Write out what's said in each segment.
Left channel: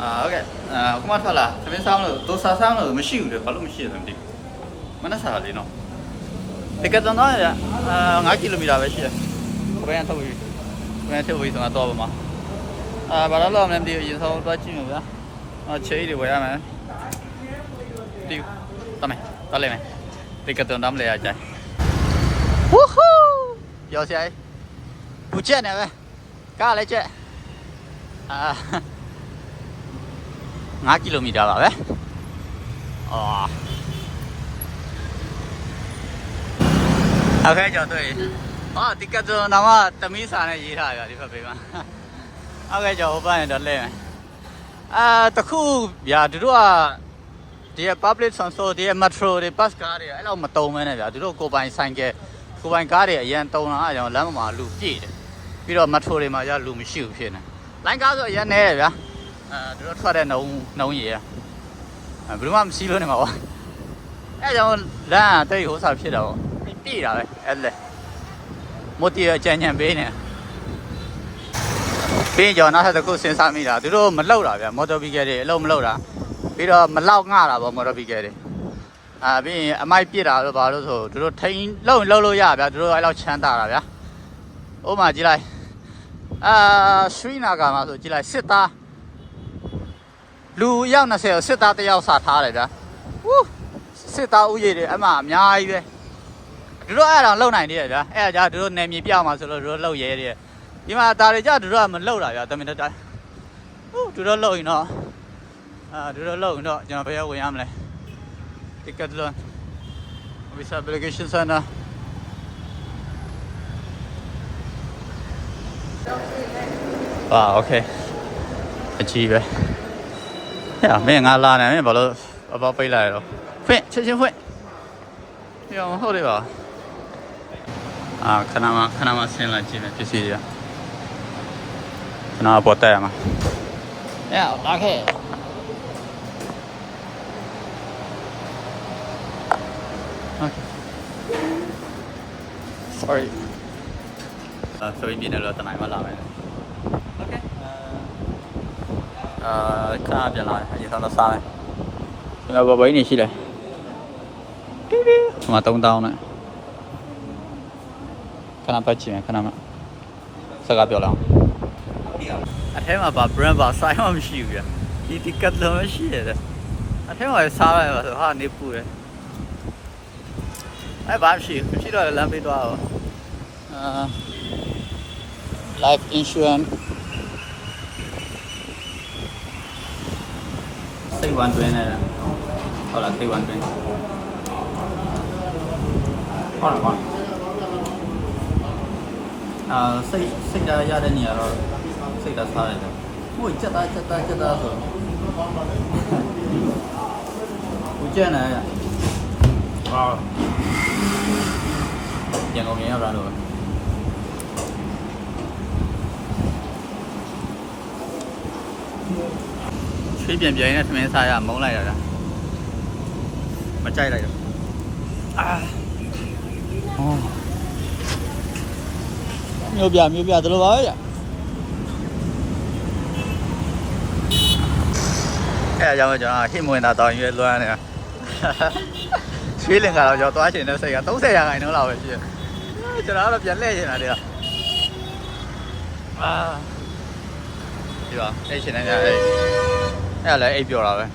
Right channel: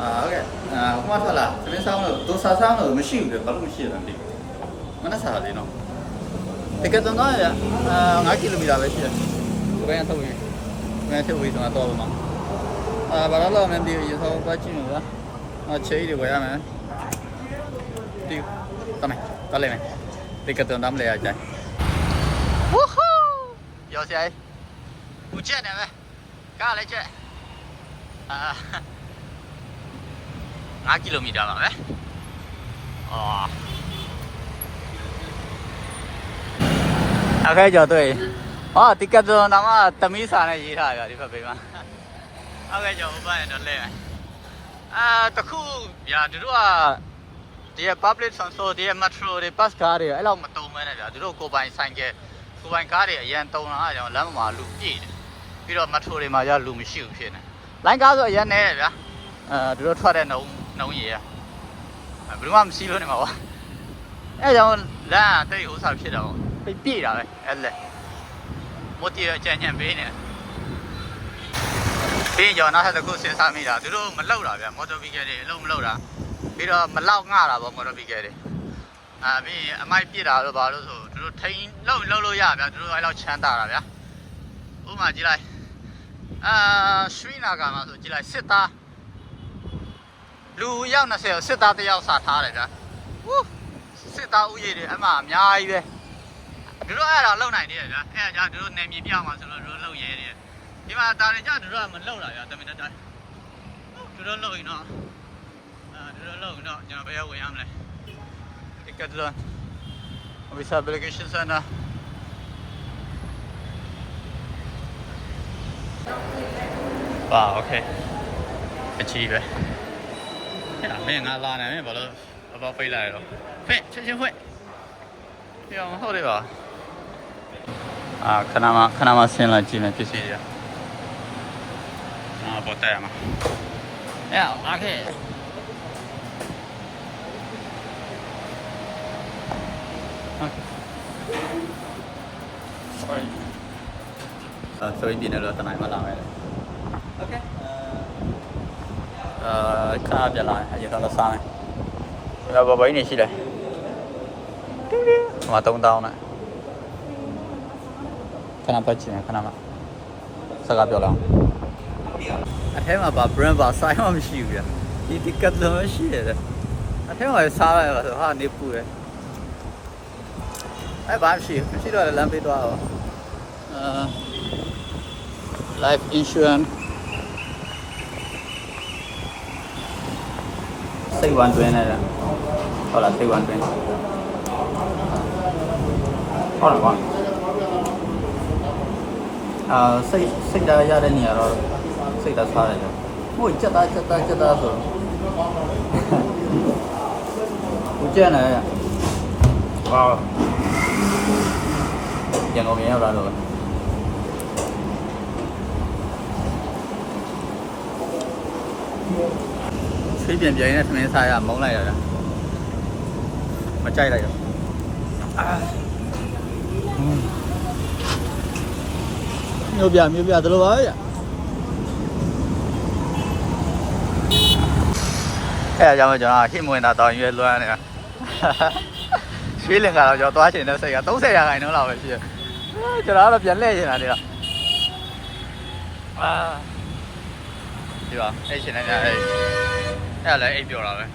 အာဟုတ်ကဲ့အာဟိုမှာထွက်လာသမင်းဆောင်လို့ဒိုစာဆောင်လို့မရှိဘူးလေဘာလို့မရှိရလဲမသိဘူးမနှက်စားလေးနော်တကယ်တော့တော့အာ9ကီလိုမီတာပဲရှိတယ်ဘယ်ရထုတ်ပြီဘယ်ထုတ်ပြီဆိုတော့ပါမှာအာဘာလို့လဲမသိဘူးရင်ဆောင်သွားကြည့်မှာဗျာအာချေးတွေဝယ်ရမယ်တီးတမယ်တော်လိုက်မယ်တကယ်တော့တော့မလဲရကြိုင်ဝူးဟူးရောက်စီဘူးချက်နေပဲကားလည်းချက်အာ 5ကီလိုမီတာပါပဲအော်အခါကျော်တွေ့ဟာဒီကတ်တော့နာမသမီးစာနဲ့ရေးထားကြဒီဘက်ပေးမှာအခါကျော်ဟိုဘက်တော့လဲမယ်အာတခုဗျာတို့ကဒီ public transport ဒီ metro တွေ bus ကားတွေအဲ့လောက်မတုံမဲနဲ့ဗျာတို့ကိုပိုင်ဆိုင်ကယ်ကိုပိုင်ကားတွေအရင်တုံတာအဲ့ကြောင့်လမ်းပေါ်မှာလူပြည့်တယ်ပြီးတော့ metro တွေမှာရလူမရှိဘူးဖြစ်နေလိုင်းကားဆိုအရင်နဲတယ်ဗျာ အဲသူတို့ထွက်တဲ့နှုံနှုံရည်อ่ะအဲဘယ်သူမှမစီးလို့နေမှာပါအဲကြောင့်လမ်းကတိတ်ဟိုစားဖြစ်တာပေါ့ပြပြတာပဲအဲ့လေမိုတီရကြံ့ကြံ့ပေးနေပြီးကြောင်နောက်ထပ်တစ်ခုစဉ်းစားမိတာသူတို့မလောက်တာဗျမော်တော်ဘီကယ်တွေအလုံးမလောက်တာပြီးတော့မလောက်ငှတာပေါ့မော်တော်ဘီကယ်တွေအာပြီးရင်အမိုက်ပြစ်တာလို့ဘာလို့ဆိုသူတို့ထိန်လုံးလုံးလို့ရဗျသူတို့အဲ့လောက်ချမ်းသာတာဗျဥပမာကြည့်လိုက်အာရွှေနာဂါမှာဆိုကြည့်လိုက်စစ်သား လူအယောက်20ကိုစစ်သားတစ်ယောက်စာထားတယ်ဗျာဟူးစစ်သားဥယေတွေအမှအများကြီးပဲသူတို့အဲ့ဒါလုံနိုင်သေးတယ်ဗျာအဲ့ဒါကြာသူတို့နယ်မြေပြမှာဆိုလို့သူတို့လုံရဲတယ်ဒီမှာဒါတွေကြာသူတို့ကမလုံတာဗျာတမင်တတာဟူးသူတို့လုံရင်တော့အာသူတို့လုံရင်တော့ကျွန်တော်ဘယ်ရောက်ဝင်ရမလဲ Decathlon Office Application Center 哇 OK အကြီးပဲ ဟဲ့မင်းငါလာနေမင်းဘာလို့အပေါပိတ်လိုက်ရောဖွင့်ချက်ချင်းဖွင့်ပြောင်းဟုတ်တယ်ပါအာခဏမှခဏမှဆင်းလာကြည့်မယ်ပစ္စည်းတွေကခဏပေါ်တက်ရမှာဟဲ့လာခဲ့ Okay. Sorry. အာဆိုရင်ပြည်နယ်လို့တနိုင်မှလာမယ်လေ Okay. အာခဏပြန်လာတယ်အရင်ဆုံးတော့စားမယ်ငါဘဘိုင်းနေရှိတယ်မတုံးတောင်းနဲ့ခဏပတ်ချင်ခဏမြစကားပြောလာအထဲမှာပါ brand ပါဆိုင်မှမရှိဘူးပြဒီဒီကတ်လုံးမရှိရတယ်အထဲမှာစားလိုက်ပါဆိုဟာနေပူတယ်အဲဘာမရှိဘူးမရှိတော့လမ်းပေးသွားအောင်အာ life insurance စိတ်ဝမ်းတွင်းနေတာဟုတ်လားစိတ်ဝမ်းတွင်းဟုတ်လားကွာအာစိတ်စိတ်ဓာတ်ရတဲ့နေရာတော့စိတ်ဓာတ်စားရတယ်ဟိုကြက်သားကြက်သားကြက်သားဆိုဦးကျန်နေရဝါပြန်ကုန်ပြန်ရောက်လာတော့ ချွေးပြန်ပြန်နဲ့သမင်းစားရမုန်းလိုက်ရတာမကြိုက်လိုက်တော့အာမျိုးပြမျိုးပြသလိုပါပဲဗျအဲ့အကြောင်းကျွန်တော်ဟိမဝင်တာတောင်းရွေးလွမ်းနေတာရွှေလင်ကတော့ကျွန်တော်သွားချင်တဲ့စိတ်က30ရာခိုင်နှုန်းလောက်ပဲရှိတယ်ကျွန်တော်ကတော့ပြန်လှည့်ချင်တာတည်းအာဒီပါအဲ့ရှင်နေကြအဲ့ အဲ့လည်းအိပ်ပြောတာပဲ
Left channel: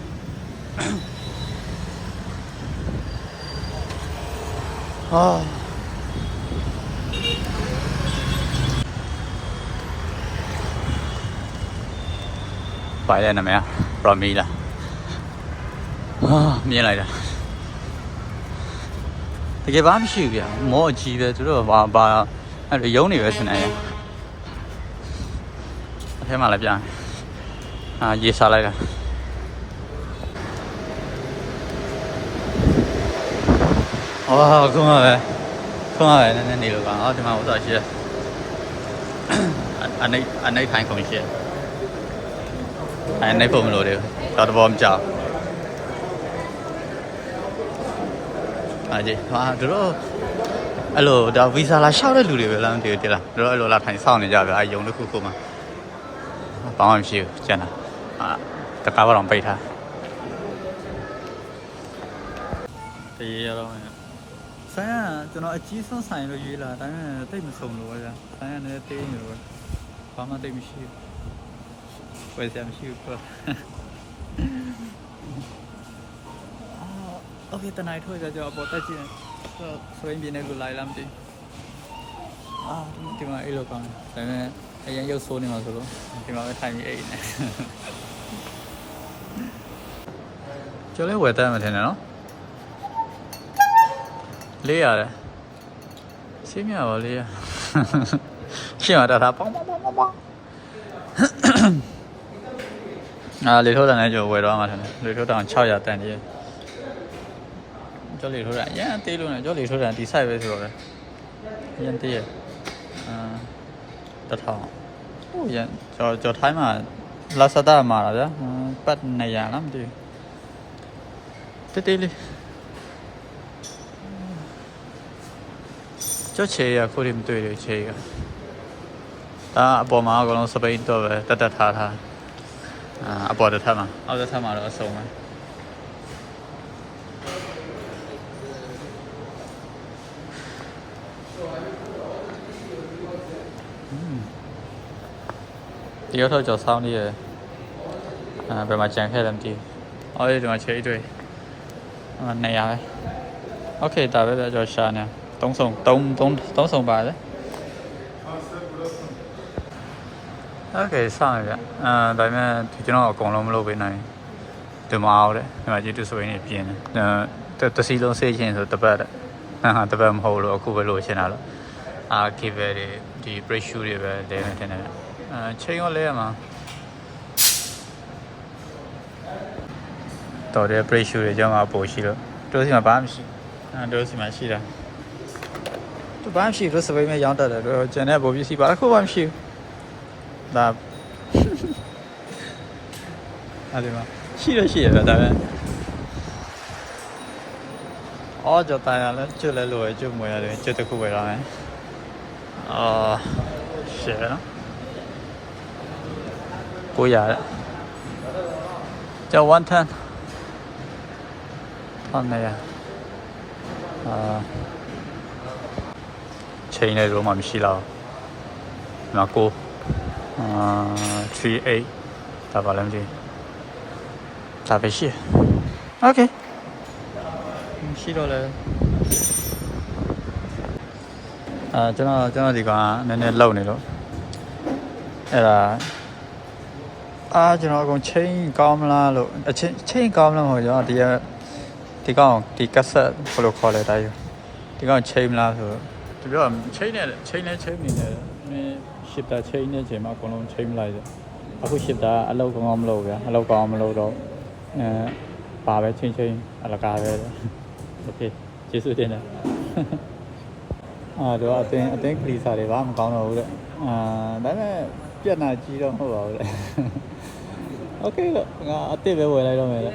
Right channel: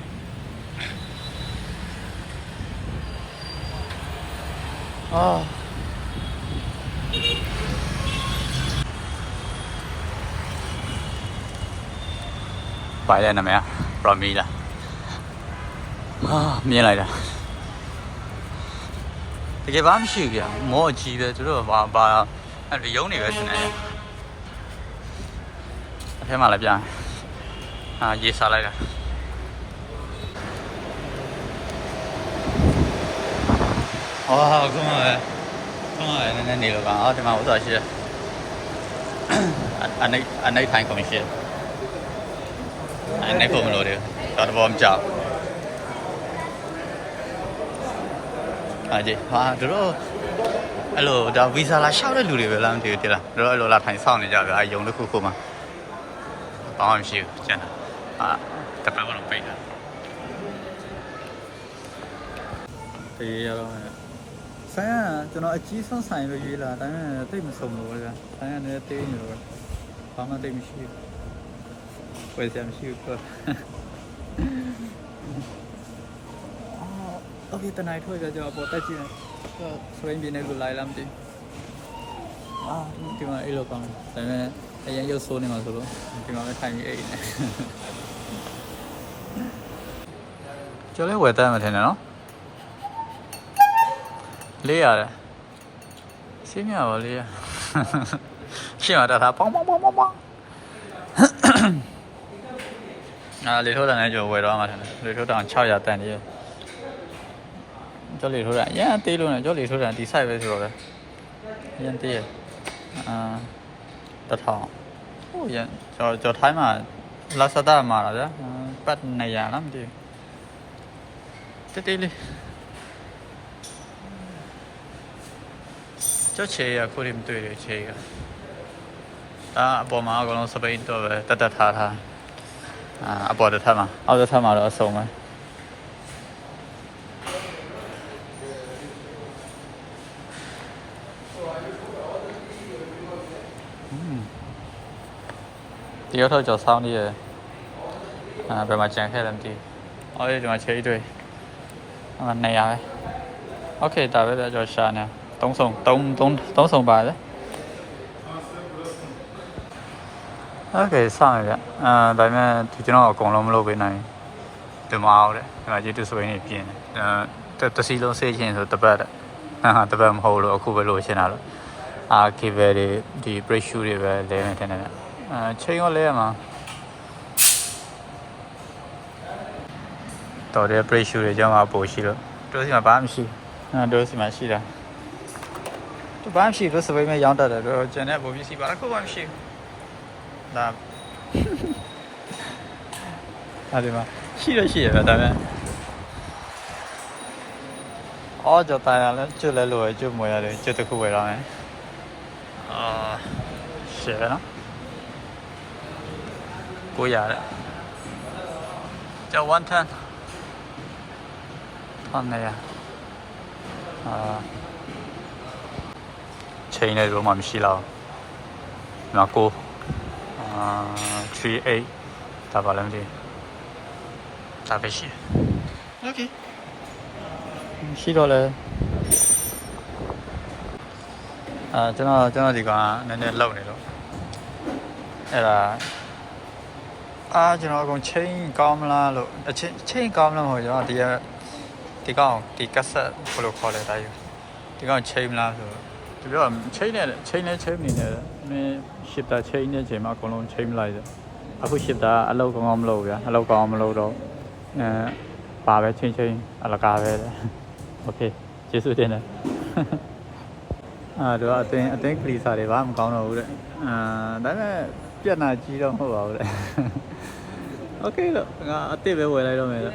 အာပိုင်တဲ့နာမည်ပရမီလာအာမြင်လိုက်တာတကယ်ဘာမှမရှိဘူးဗျာမောအကြီးတယ်သူတို့ဘာဘာအဲ့လိုယုံနေပဲစနေရအထဲမှာလည်းပြန် အာရေးစားလိုက်တာအော်ခုမှပဲခုမှပဲနည်းနည်းနေလို့ကအော်ဒီမှာဥစ္စာရှိတယ်အနိအနိထိုင်ခုံရှိတယ်အနိဖို့မလို့တယ်တော့တော့မကြောက်အားကြီးဟာတို့အဲ့လိုဒါဗီဇာလာလျှောက်တဲ့လူတွေပဲလားမသိဘူးတိလားတို့အဲ့လိုလာထိုင်စောင့်နေကြတယ်အဲယုံတစ်ခုခုမှဘာမှမရှိဘူးကျန်တာ အာတကားတော့ပိတ်ထားတရေရတော့ဆိုင်ကကျွန်တော်အကြီးဆုံးဆိုင်လို့ရွေးလာဒါပေမဲ့တိတ်မစုံလို့ပဲဆိုင်ကလည်းတေးနေလို့ဘာမှတိတ်မရှိဘူးဝယ်စရာမရှိဘူးပေါ့โอ เคတနိုင်ထွက်ကြကြပေါ်တက်ကြည့်စပိန်ပြည်နယ်ကိုလိုက်လာမသိအာဒီမှာအဲ့လိုကောင်းတယ်ဒါပေမဲ့အရင်ရုပ်ဆိုးနေမှာဆိုလို့ဒီမှာပဲထိုင်ပြီးအိတ်နေကျော်လဲဝယ်တတ်မှထင်တယ်နော်လေးရတယ်ရှင်းမြပါလေးရရှင်းရတာပေါင်းပေါင်းပေါင်းပေါင်းပေါင်းအာလေထိုးတန်နဲ့ကျော်ဝယ်တော့မှထင်တယ်လေထိုးတန်600တန်နေရကျော်လေထိုးတန်အရင်အသေးလို့နဲ့ကျော်လေထိုးတန်ဒီ site ပဲဆိုတော့လေအရင်သေးရအာ တထောင်ဟိုရကျော်ကျော်ထိုင်းမှာလာဆာဒါမှာလားဗျာပတ်နေရလားမသိဘူးတေးတေးလေးကျောက်ချေရခုရင်မတွေ့တယ်ချေရဒါအပေါ်မှာအကောင်လုံးစပိန်တော့ပဲတက်တက်ထားထားအာအပေါ်တစ်ထပ်မှာအောက်တစ်ထပ်မှာတော့အစုံပဲ ဒီရောက်တော့ကြော်ဆောင်းနေရအာဘယ်မှာကြံခဲ့တယ်မသိဘူးအော်ဒီမှာချေးတွေ့အာနေရပဲโอเคဒါပဲကြော်ရှာနေ သုံးဆောင်သုံးသုံးသုံးဆောင်ပါတယ်โอเคစမယ်ဗျအာဒါပေမဲ့ဒီကျွန်တော်အကုန်လုံးမလုပ်ပေးနိုင်ဒီမှာအောင်တယ်ဒီမှာကျေးတူဆိုရင်ပြင်းတယ်အဲတစီလုံးစေးချင်းဆိုတပတ်ဟာတပတ်မဟုတ်လို့အခုပဲလို့ရှင်းတာလို့အာကေဘယ်တွေဒီ break shoe တွေပဲလဲမယ်ထင်တယ်ဗျ အာချိန်ရောလဲရမှာတော်တယ် break shoe တွေကျွန်တော်အပိုရှိလို့တို့စီမှာဘာမှမရှိဘူးအဲတို့စီမှာရှိတာသူဘာမှမရှိလို့စပိန်မဲ့ရောင်းတတ်တယ်တော့ကျန်တဲ့ပုံပစ္စည်းပါတစ်ခုမှမရှိဘူးဒါအဲ့ဒီမှာရှိတော့ရှိရပဲဒါပေမဲ့အော်ကြော်တိုင်ရလဲကျွတ်လဲလို့ကျွတ်မွေရတယ်ကျွတ်တစ်ခုပဲတော့မယ်အာရှယ်နော် ကိုရတဲ့ကျော်110ဖမ်းနေရအာချိန်နဲ့တော့မှမရှိတော့ဘူး။နောက်ကိုအာ38ဒါပါလည်းမသိဘူး။ဒါပဲရှိ။ Okay ရှိတော့လေအာကျွန်တော်ကျွန်တော်ဒီကောင်ကနည်းနည်းလောက်နေတော့အဲ့ဒါ အာကျွန်တော်အကုန်ချိန်ကောင်းမလားလို့အချင်းချိန်ကောင်းမလားမဟုတ်ကျွန်တော်ဒီကဒီကောင်ဒီကက်ဆက်ဘယ်လိုခေါ်လဲတာယူဒီကောင်ချိန်မလားဆိုတော့ ဒီပြောချိန်နဲ့ချိန်နဲ့ချိန်နေတယ်မင်းရှစ်တာချိန်နေချိန်မှာအကုန်လုံးချိန်မလိုက်တယ်အခုရှစ်တာအလောက်ကောင်းကောင်းမလုပ်ဗျာအလောက်ကောင်းမလုပ်တော့အဲပါပဲချိန်ချိန်အလကားပဲโอเคကျေးဇူးတင်တယ်အာတော့အတင်းအတင်းကလီစာတွေဘာမှမကောင်းတော့ဘူးတဲ့အာဒါပေမဲ့ပြက်နာကြီးတော့မဟုတ်ပါဘူးတဲ့ โอเคလို့ငါအစ်စ်ပဲဝယ်လိုက်တော့မယ်တဲ့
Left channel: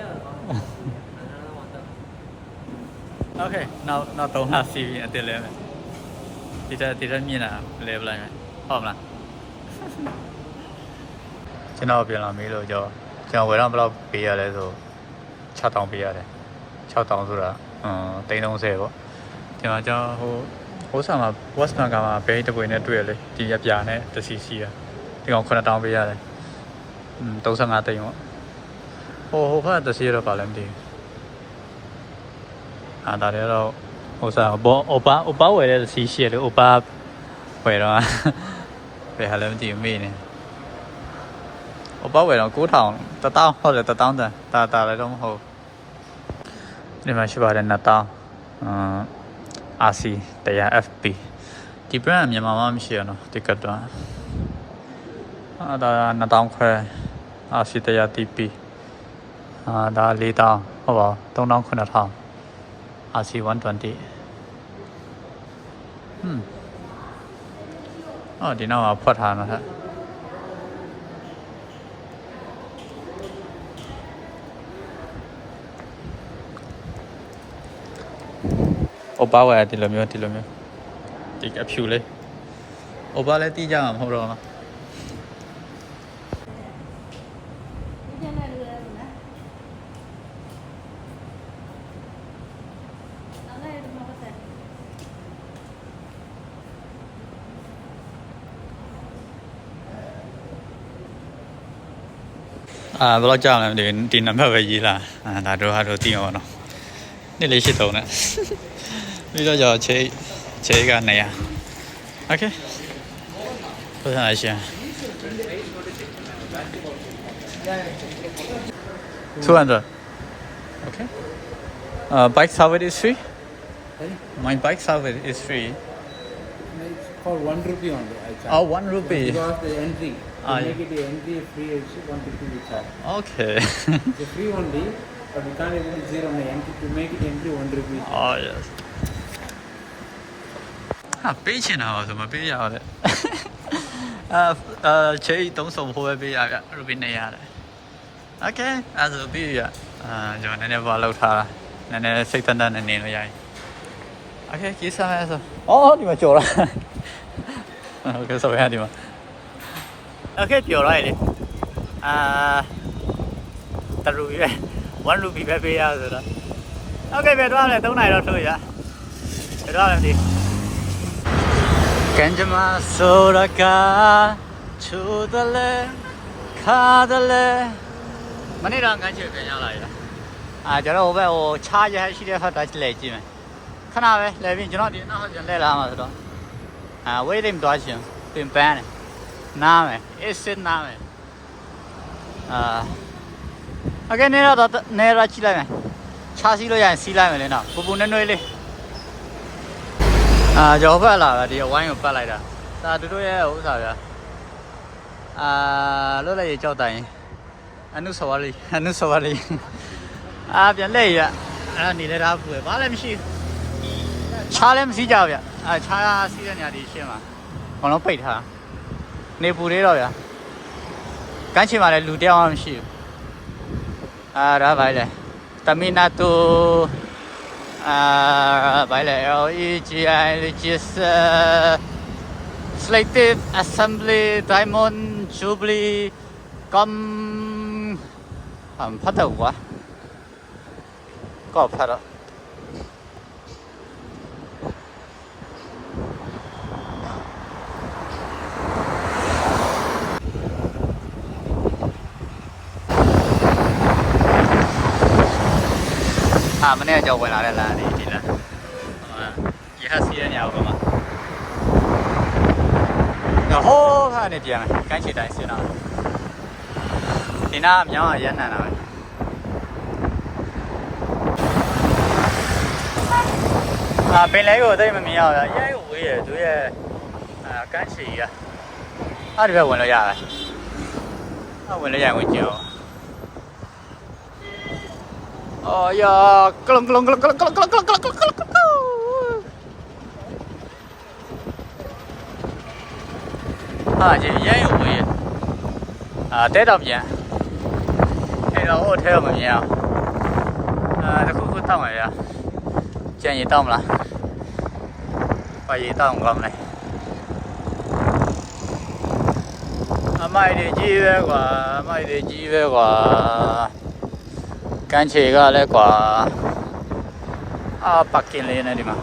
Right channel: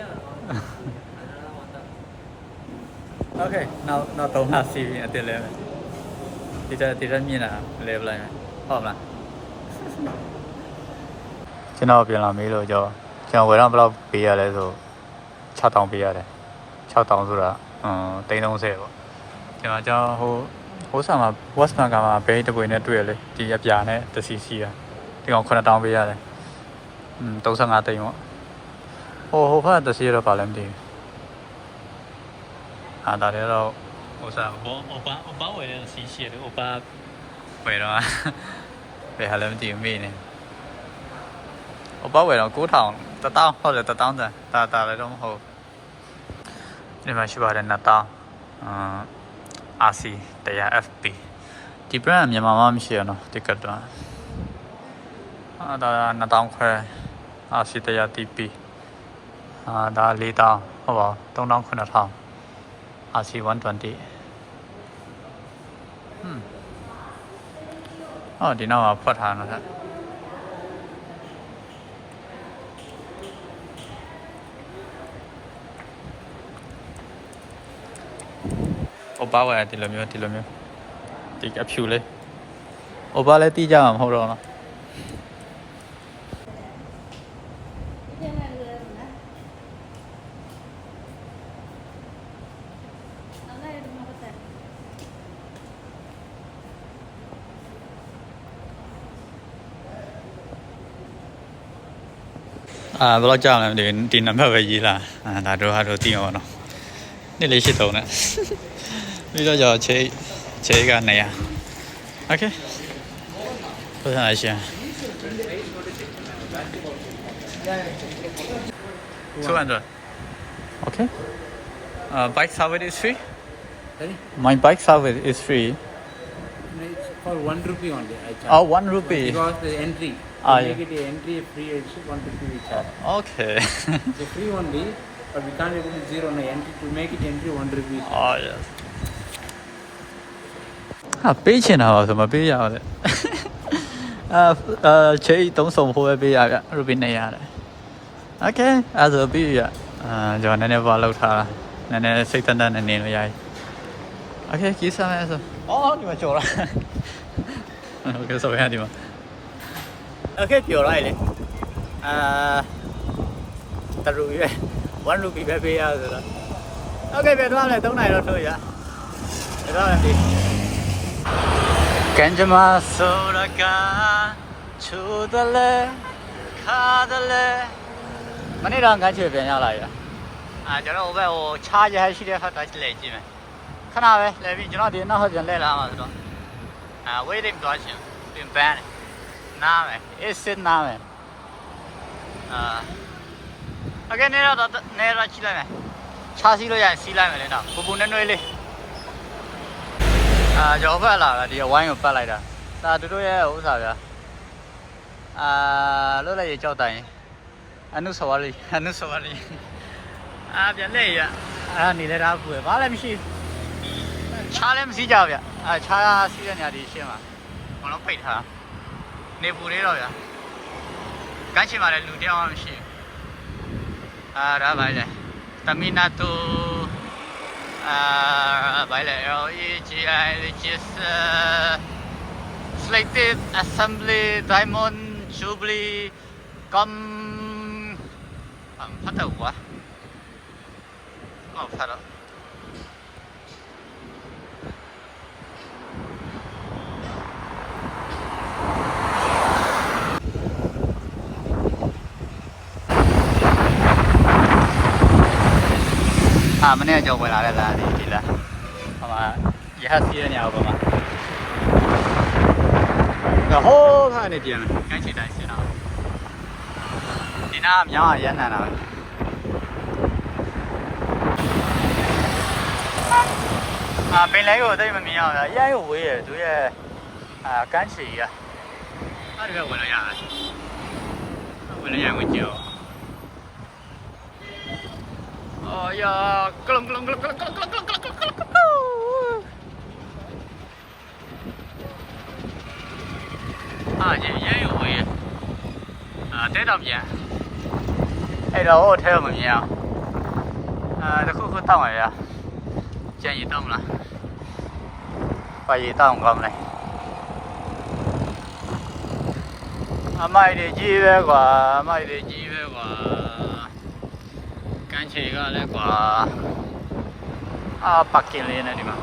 โอเคနောက်နောက်3လစီးပြီးအစ်စ်လဲမယ် ဒီတက်ဒီတက်မြင်တာလဲပလိုက်မယ်ဟုတ်မလားကျွန်တော်ပြန်လာမေးလို့ကြောကျွန်တော်ဝယ်တော့ဘယ်လောက်ပေးရလဲဆို6000ပေးရတယ်6000ဆိုတာအမ်330ပေါ့ကျွန်တော်ကျွန်တော်ဟိုဟိုဆာမှာ Westman ကမှာဘဲတပွေနဲ့တွေ့ရလေဒီအပြာနဲ့တစီစီရဒီကောင်9000ပေးရတယ် อืม35တိန်ပေါ့ဟိုဟိုဖက်တစီရတော့ပါလဲမသိဘူးအာဒါလည်းတော့ဟိုစားဘောအိုပါအိုပါဝယ်တဲ့စီရှိတယ်အိုပါဝယ်တော့ဘယ်ဟာလဲမသိဘူးမေးနေအိုပါဝယ်တော့9000 1000ဟုတ်တယ်1000တန်တာတာလည်းတော့မဟုတ်ဒီမှာရှိပါတယ်2000အမ် RC 100 FP ဒီ brand မြန်မာမှာမရှိရနော်ဒီကတော့အာဒါ2000ခွဲ RC 100 TP အာဒါ4000ဟုတ်ပါ3000 9000 RC 120ဟွန်းအော်ဒီနောက်မှာဖွက်ထားမှာဟဲ့အိုပါဝယ်ဒီလိုမျိုးဒီလိုမျိုးဒီအဖြူလေးအိုပါလည်းတီးကြမှာမဟုတ်တော့နော် à bao giờ là đến tin nắm về gì là à đã rồi hai rồi tin rồi nó đi lấy xe tàu nè bây giờ giờ chế cái này à ok tôi sẽ lại xem two hundred okay uh, bike service free my bike service is free for one rupee only I charge. oh one rupee because the entry To Ah, make yeah. it a entry free, it's one rupee we charge. okay It's a free only, but we can't able to zero no entry. To make it entry, one rupee. oh yes ဟာပေးချင်တာပါဆိုမပေးရအောင်လေအာအာချေတုံးဆောင်ဖို့ပဲပေးရဗျရူပီ200ရတယ် okay အဲ့ဒါဆိုပြီးရအာကျွန်တော်နည်းနည်းပါလောက်ထားတာနည်းနည်းစိတ်သက်သက်နဲ့နေလို့ရပြီ okay ကြီးစားမယ်ဆိုအော်ဒီမှာကြော်လာ okay ဆိုရဒီမှာ 啊，可以钓来的，啊，打鱼呗，玩鱼比别别要是了。OK，别抓了，都来了，收一，别抓了，跟着马走的歌，出的嘞，看的嘞，没你这感觉别来了。啊，叫了我呗，我茶一还洗的好，带起来几枚。看那呗，那边就那点，那好像来了嘛，是吧？啊，我也得多少钱，得办嘞。 နားမယ် it's it နားမယ်အာအကဲနေတော့နေရချိလိုက်မယ်ခြားစီးလို့ရရင်စီးလိုက်မယ်လေနော်ပူပူနွဲ့နွဲ့လေးအာကြောဘက်လာတာဒီဝိုင်းကိုပတ်လိုက်တာဒါတို့ရဲ့ဥစ္စာဗျာအာလွတ်လိုက်ရကြောက်တိုင်းအနုဆဝလီအနုဆဝလီအာပြန်လက်ရအာနေလဲတာပူရဘာလဲမရှိခြားလည်းမစီးကြဗျာအာခြားစီးတဲ့နေရာဒီရှင်းပါဘာလို့ပိတ်ထား နေပူသေးတော့ဗျာကမ်းချင်မှာလည်းလူတယောက်မှမရှိဘူးအာဒါပါလေတမီနာတူအာဘာလဲ L E G I G S Slated Assembly Diamond Jubilee 咁唔ဖတ်တော့ကွာကောက်ဖတ်တော့ အာမနေ့ကကြောက်ဝင်လာတဲ့လမ်းလေးဒီလားဟိုမှာရဟစီရညာဘောမှာညဟိုးကနေပြန်ကန်းချီတိုင်းဆင်းတော့ဒီနားမြောင်းရရနန်တာပဲအာပင်လဲကိုအသိမမြင်ရဘူးအရင်ကဝေးရသူရဲ့အာကန်းချီကအဲ့ဒီဘက်ဝင်လို့ရတယ်အဲ့ဝင်လို့ရရင်ဝင်ကြည့်တော့ అయ్యా కలం కలం కలం కలం కలం కలం కలం కలం కలం కలం à chị giấy quyền à tết đông dạ hay đâu theo mà nhiều à nó cứ cứ này à chuyện gì tông là và gì tông gom này à mai để chi về quả mai để chi về quả ကန်းချေကလည်းကွာအာပတ်ကင်လေးနဲ့ဒီမှာ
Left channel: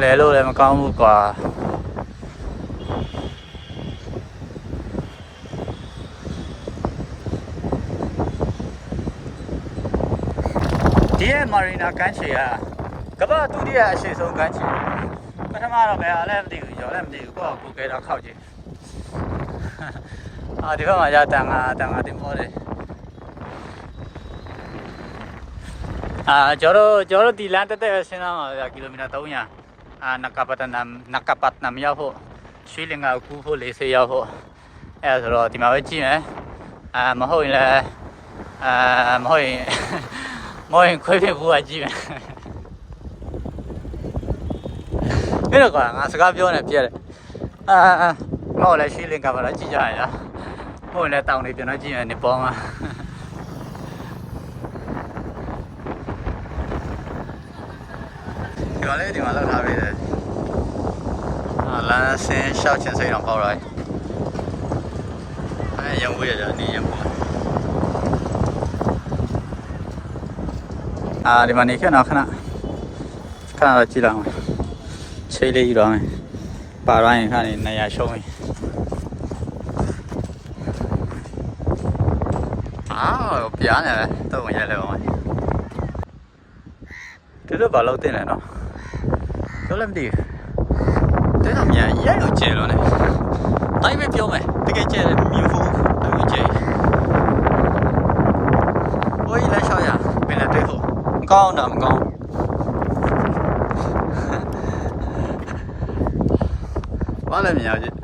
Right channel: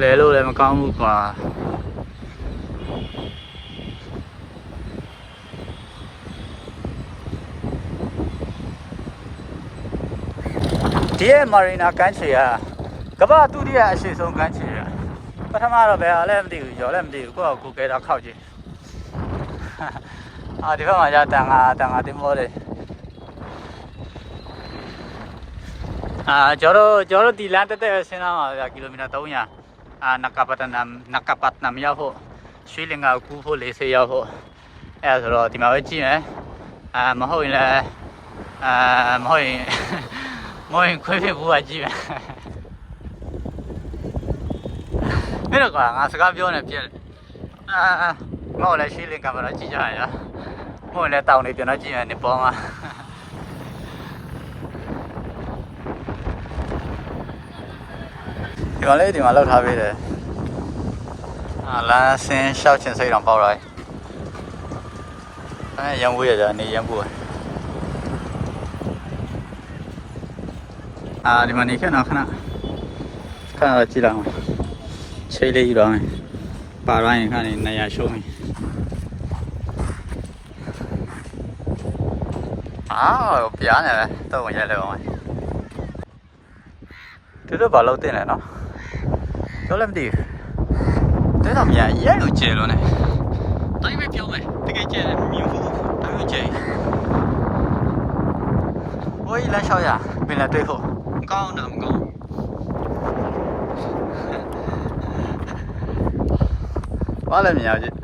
လဲလို့လည်းမကောင်းဘူးကွာဒီရဲ့မာရီနာကန်းချေကကမ္ဘာဒုတိယအရှိဆုံးကန်းချေပထမတော့ဘယ်ဟာလဲမသိဘူးကျော်လည်းမသိဘူးကိုယ့်အကိုကဲတာခောက်ကြည့် အာဒီဘက်မှာရတန်ငါတန်ငါတင်မောတယ်အာကျော်တို့ကျော်တို့ဒီလမ်းတက်တက်ဆင်းလာမှာဗျာကီလိုမီတာ300အာနကပတနမ်နကပတ်နမ်ရောက်ဖို့ရွှေလင်္ကာကူဖို့40ရောက်ဖို့အဲဒါဆိုတော့ဒီမှာပဲကြည့်မယ်အာမဟုတ်ရင်လည်းအာမဟုတ်ရင်မဟုတ်ရင်ခွေးဖြစ်ဖို့ကကြည့်မယ်မင်းတို့ကငါစကားပြောနေပြက်တယ်အာအာမဟုတ်လည်းရွှေလင်္ကာမှာတော့ကြည့်ကြရအောင် ဟိုလည်းတောင်းနေကျွန်တော်ကြည့်နေနေပေါ်မှာဒီကောင်လေးဒီမှာလောက်ထားပေးတယ်အာလမ်းဆင်းရှောက်ချင်စိတ်တော်ပေါက်လိုက်အဲရံဝေးရကြနေရံဘူးအာဒီမှာနေခဏခဏခဏတော့ကြည့်တော့မယ်ချိတ်လေးယူတော့မယ်ပါရရင်ခဏနေနေရရှုံးရင် အာပြားနေပဲတော့ဝင်ရဲလဲပါမယ်သူတို့ဘာလို့တင်လဲနော်ပြောလည်းမသိဘူးတဲတော့မြန်ရဲလို့ကျဲလို့ ਨੇ တိုင်းပဲပြောမယ်တကယ်ကျဲတယ်မြင်ဖို့တိုင်းပဲကျဲဘိုးကြီးလမ်းလျှောက်ရပင်လည်းတွေ့ဖို့မကောင်းတော့မကောင်းဘာလဲမြင်ရကြည့်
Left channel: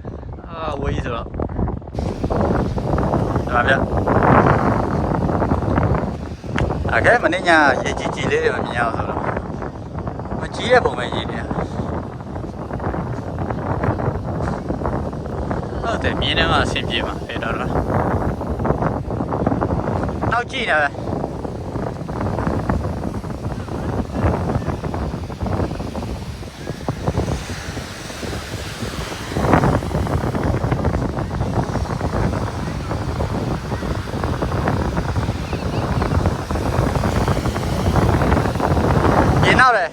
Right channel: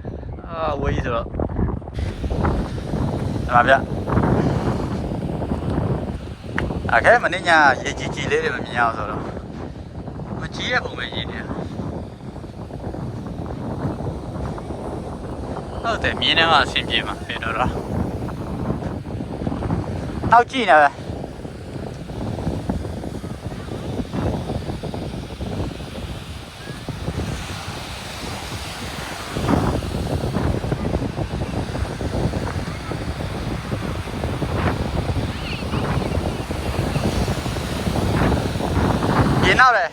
အာဝေးကြီးဆိုတော့ဒါပါဗျ အခက်မင်းညာရေကြီးကြီးလေးတွေမမြင်အောင်ဆိုတော့မကြီးရဲ့ပုံပဲရေးနေဟုတ်တယ်မြင်းထဲမှာအဆင်ပြေမှာဖေတော့တော့နောက်ကြည့်နေပဲ ရေနောက်တယ်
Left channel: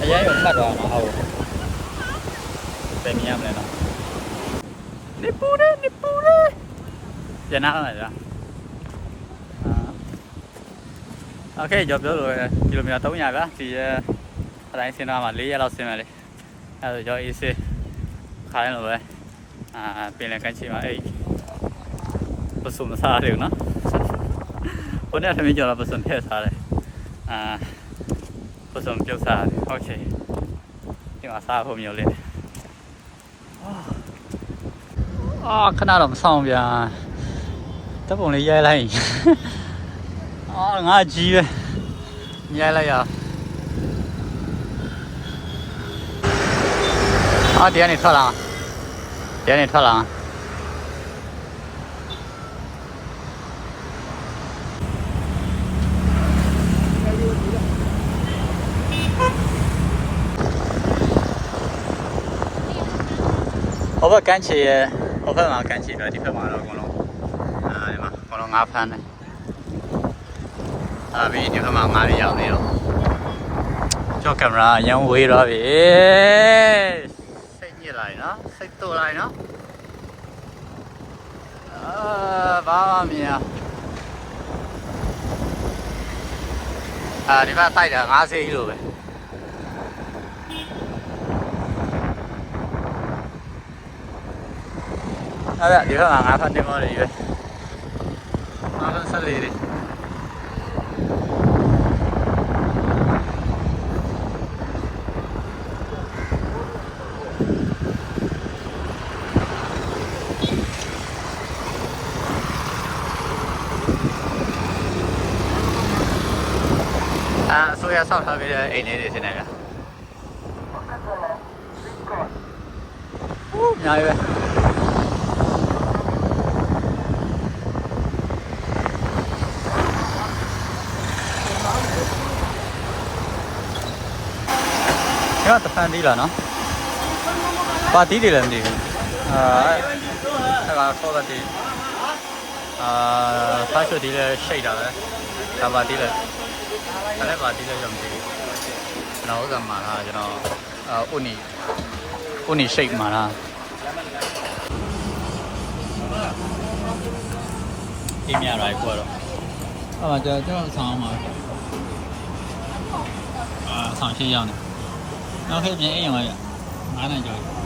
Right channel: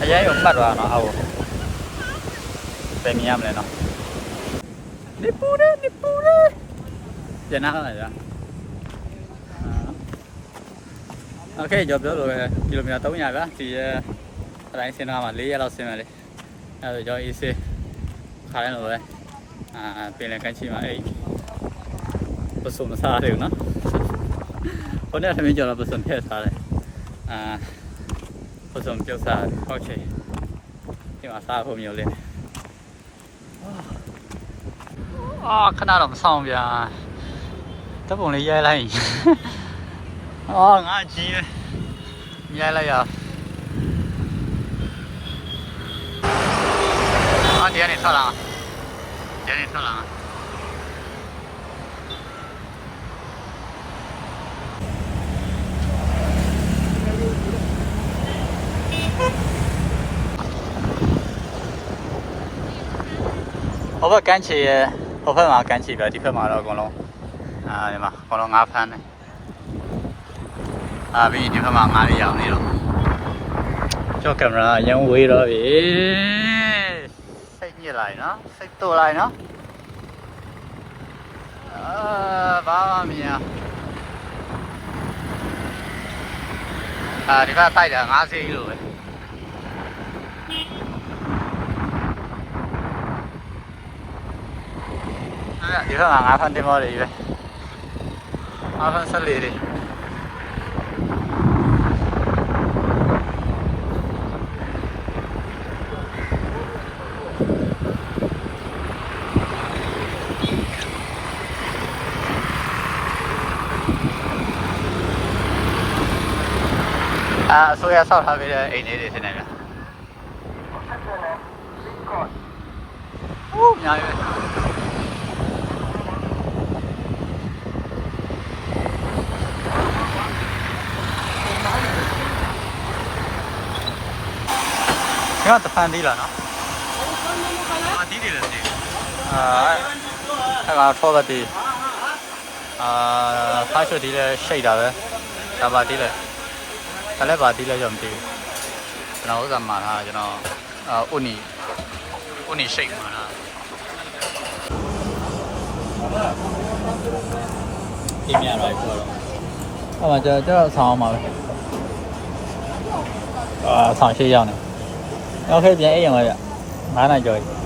အရင်ကမှတ်သွားတော့အောက်ပြန်မြင်ရမလဲနော်နေပူတယ်နေပူတယ်ပြန်နာလာကြโอเคကြော်ပြောလို့ကီလိုမီတာ300ဗျာဒီရဲ့အ တိုင်းစင်းသားမှာ၄ရက်လောက်ဆင်းမယ်လေအဲဆိုကျွန်တော်အေးဆေးခါတိုင်းလိုပဲအာပင်လယ်ကမ်းခြေမှာအဲ့ပစုံမစားရတယ်နော်ဟိုနေ့ထမင်းကြော်တော့ပစုံထည့်စားတယ်အာပစုံပြုတ်စားတယ်ဟုတ်ချေဒီမှာစားဖို့မျိုးလေးအာခဏတော့မဆောင်ပြန်တပ်ပုံလေးရဲလိုက်အာငါကြီးပဲရဲလိုက်ရအောင် အာဒီကနေထွက်လာဒီကနေထွက်လာဟိုဘက်ကမ်းခြေရဲ့ဟိုဘက်မှာကမ်းခြေပဲဒီဘက်မှာတော့အကုန်လုံးအာဒီမှာအကုန်လုံးငါးဖမ်းတယ်အာပြီးဒီဘက်မှာငါးတွေရောက်နေတော့ကျောက်ကင်မရာအရင်ဝေးတော့ပြီ စိတ်ညစ်လိုက်နော်စိတ်တူလိုက်နော်အာဘာမှမမြင်အာဒီဘက်တိုက်တာ90ကီလိုပဲအဲ့ဒါဒီဘက်မှာငါးဖမ်းတင်မောတွေပဲငါးဖမ်းဆက်လေးတွေ အာအစိုးရဆောက်ထားပေးတဲ့အိမ်လေးတွေထင်တယ်ဗျာဟိုးအများကြီးပဲကျွန်တော်တဖန်သေးလားနော်။ပါတီးတယ်လည်းမသိဘူး။အာအဲ့ကထောပတ်တီးအာဖားချွတ်တီးလည်းရှိတ်တာပဲ။ဒါပါတီးလည်း ဒါလည်းဘာတိလဲကြောင့်မသိဘူးကျွန်တော်ဥစ္စာမှာထားကျွန်တော်အိုနီအိုနီစိတ်မှာထားအင်းရရိုက်ပေါ်တော့အဲ့မှာကျွန်တော်ဆောင်းအောင်ပါပဲအာဆောင်းရှိရောက်နေနောက်ခေပြန်အိမ်အောင်ပါဗျ9နာရီကျော်ပြီ